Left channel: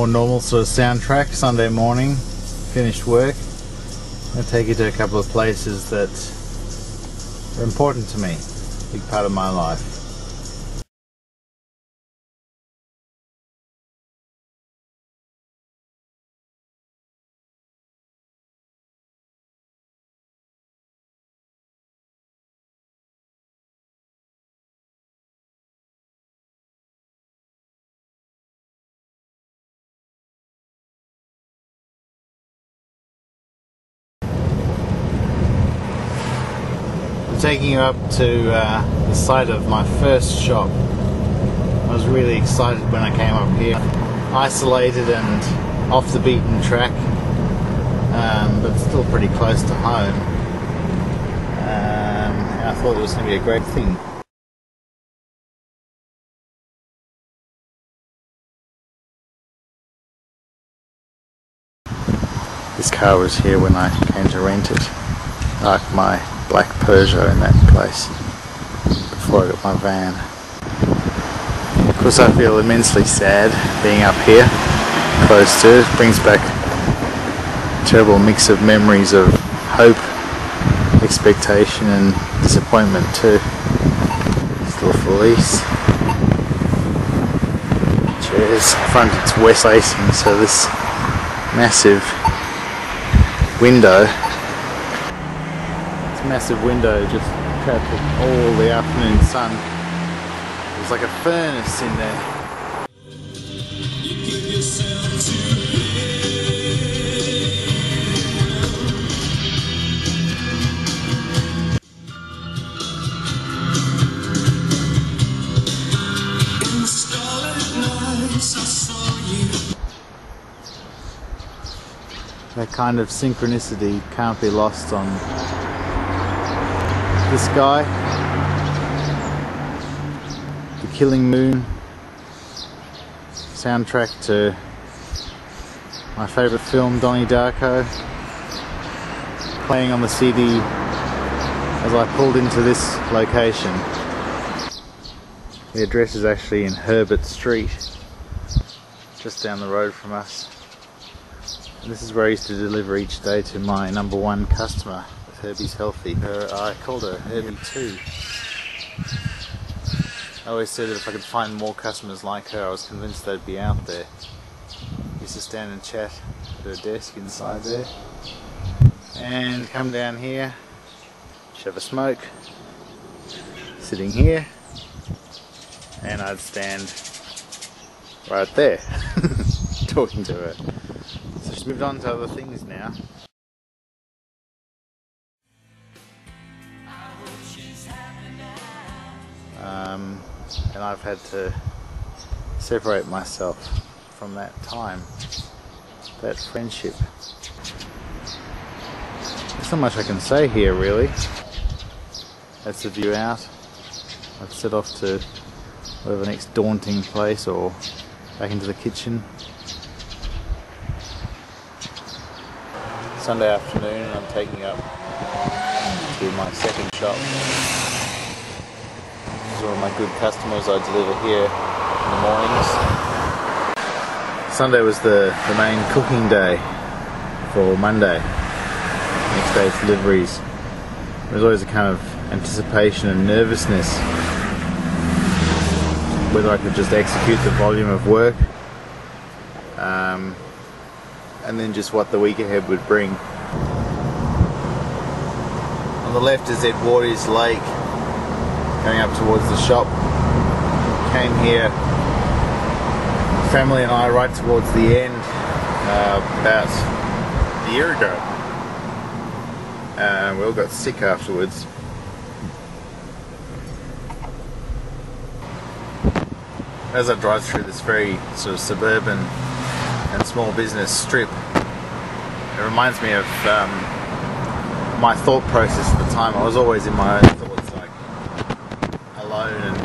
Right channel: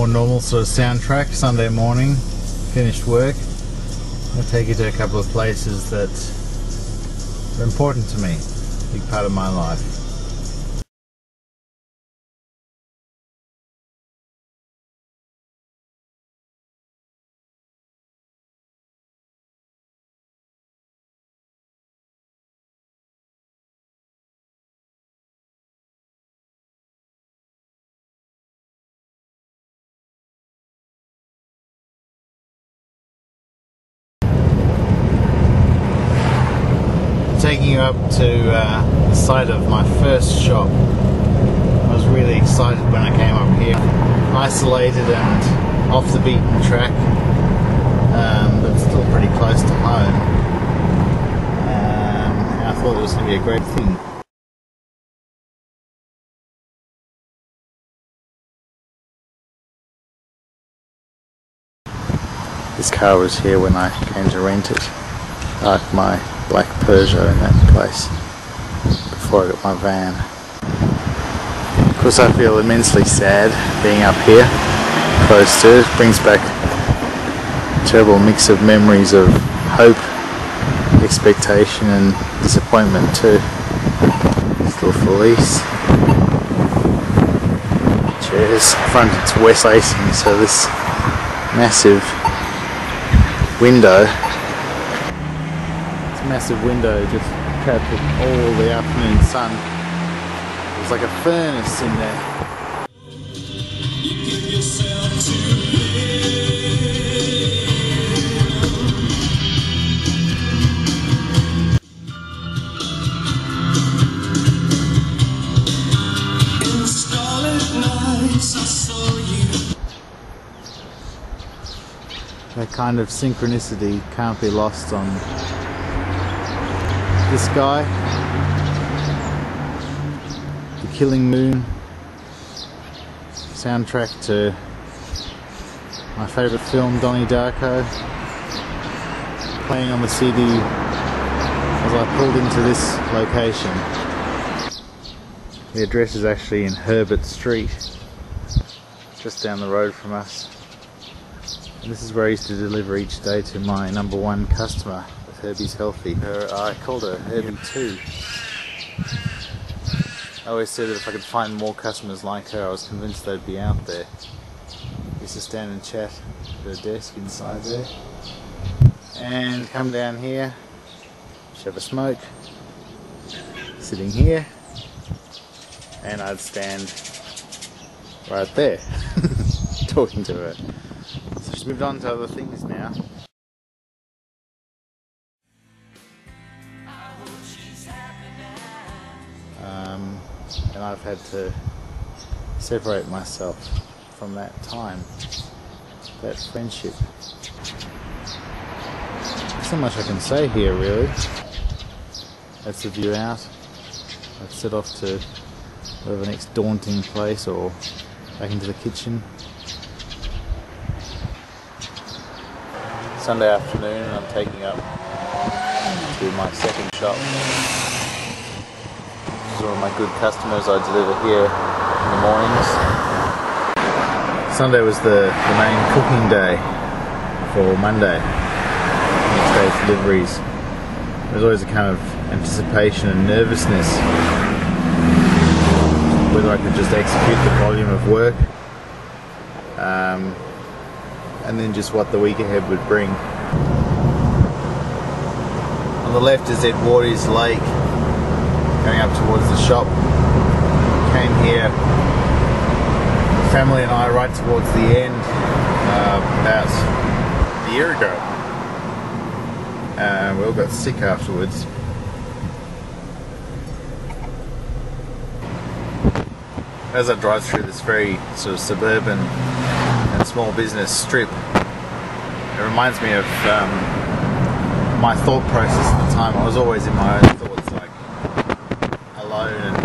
more normal sort of soundtrack. Sunday morning, finished work. I'll take you to a couple of places that are important to me, big part of my life. Taking you up to the site of my first shop. I was really excited when I came up here. Isolated and off the beaten track, but still pretty close to home. And I thought it was going to be a great thing. This car was here when I came to rent it. Like my black Peugeot in that place before I got my van. Of course I feel immensely sad being up here close to it. It brings back a terrible mix of memories of hope, expectation and disappointment too. Still for lease. Chairs. Front it's west facing, so this massive window massive window just trapped all the afternoon sun. It was like a furnace in there. That kind of synchronicity can't be lost on this guy. The Killing Moon, soundtrack to my favourite film Donnie Darko, playing on the CD as I pulled into this location. The address is actually in Herbert Street, just down the road from us. And this is where I used to deliver each day to my #1 customer with Herbie's Healthy. I called her Herbie 2. I always said that if I could find more customers like her, I was convinced they'd be out there. We used to stand and chat at her desk inside there. And come down here, have a smoke, sitting here, and I'd stand right there, talking to her. So she's moved on to other things now. And I've had to separate myself from that time, that friendship. There's not much I can say here really. That's the view out. I've set off to whatever the next daunting place or back into the kitchen. Sunday afternoon and I'm taking up to my second shop. These are all my good customers I deliver here in the mornings. Sunday was the main cooking day for Monday. Next day's deliveries. There was always a kind of anticipation and nervousness whether I could just execute the volume of work and then just what the week ahead would bring. On the left is Edwardi's Lake, going up towards the shop. Came here, family and I, right towards the end, about a year ago. We all got sick afterwards. As I drive through this very sort of suburban and small business strip, it reminds me of my thought process at the time. I was always in my own thoughts, like alone and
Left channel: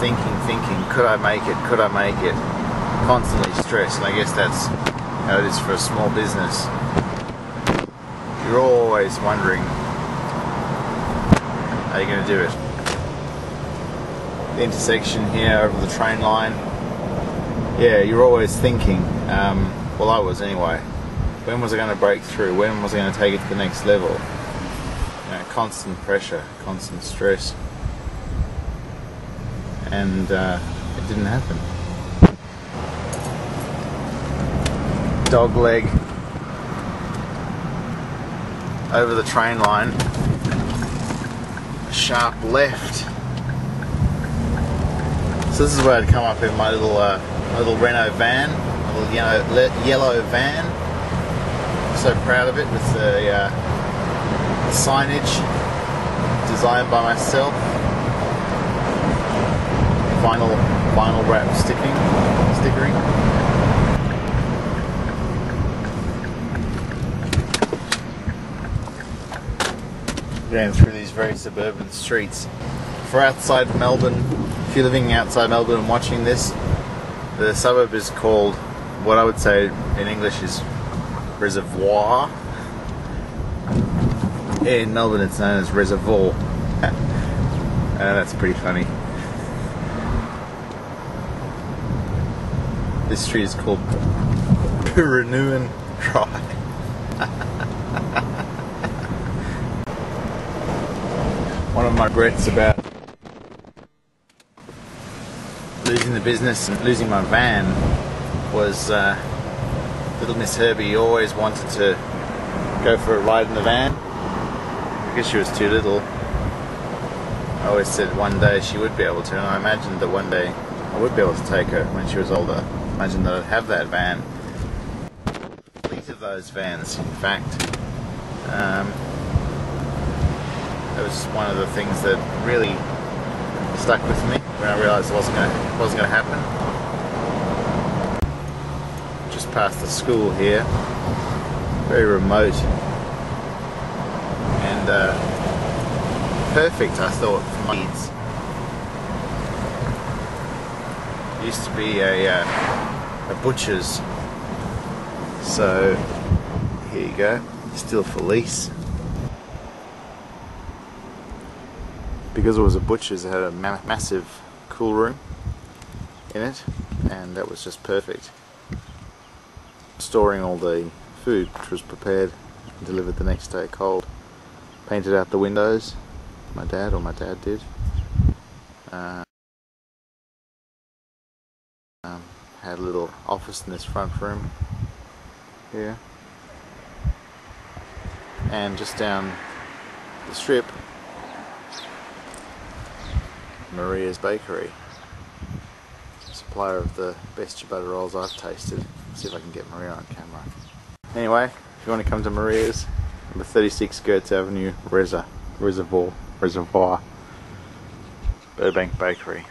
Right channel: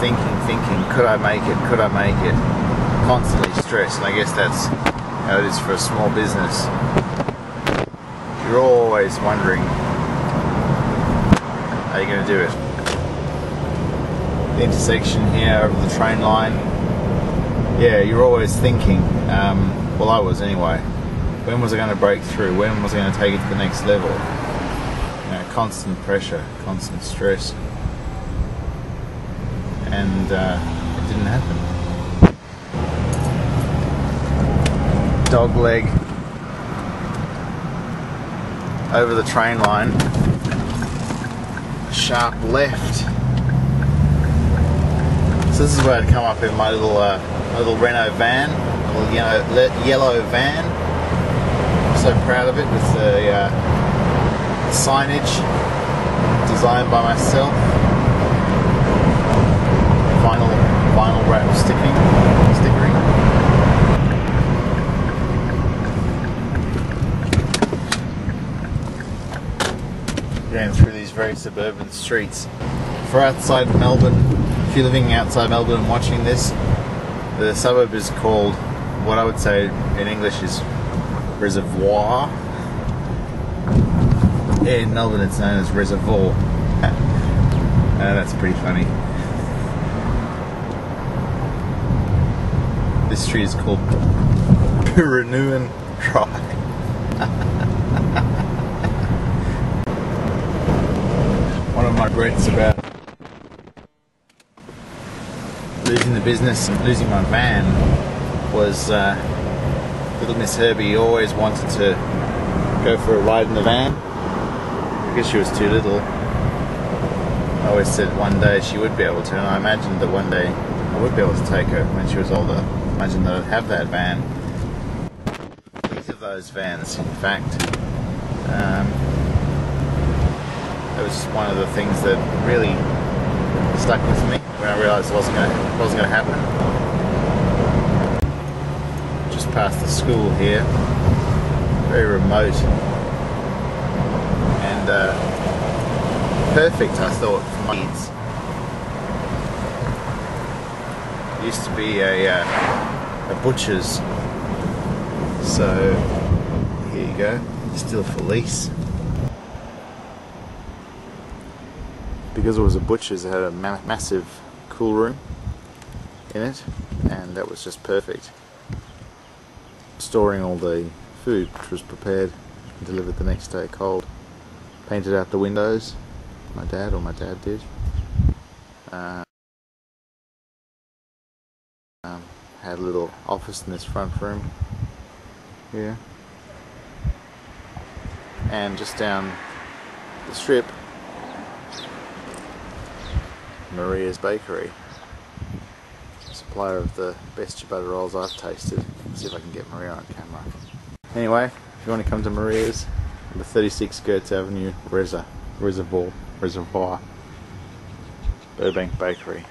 thinking, could I make it, could I make it? Constantly stressed, and I guess that's how it is for a small business. You're always wondering, how are you going to do it? The intersection here over the train line, yeah, you're always thinking, well I was anyway, when was I going to break through, when was I going to take it to the next level? You know, constant pressure, constant stress, and it didn't happen. Dog leg over the train line, sharp left. So this is where I'd come up in my little Renault van, a little yellow van. I'm so proud of it, with the signage designed by myself, vinyl wrap stickering. Going through these very suburban streets. For outside Melbourne, if you're living outside Melbourne and watching this, the suburb is called, what I would say in English is Reservoir. In Melbourne it's known as Reservoir. That's pretty funny. This street is called Purveyor Drive. One of my regrets about losing the business and losing my van was little Miss Herbie always wanted to go for a ride in the van. Because she was too little, I always said one day she would be able to, and I imagined that one day I would be able to take her when she was older. Imagine that I'd have that van. Fleet of those vans, in fact. It was one of the things that really stuck with me when I realised it wasn't going to happen. Just past the school here, very remote and perfect, I thought, for my needs. It used to be a butcher's, so here you go, still for lease. Because it was a butcher's, it had a massive cool room in it, and that was just perfect. Storing all the food, which was prepared and delivered the next day cold. Painted out the windows, my dad did. Had a little office in this front room here. And just down the strip, Maria's Bakery, supplier of the best ciabatta rolls I've tasted. Let's see if I can get Maria on camera. Anyway, if you want to come to Maria's, number 36 Gertz Avenue, Reservoir, Burbank Bakery.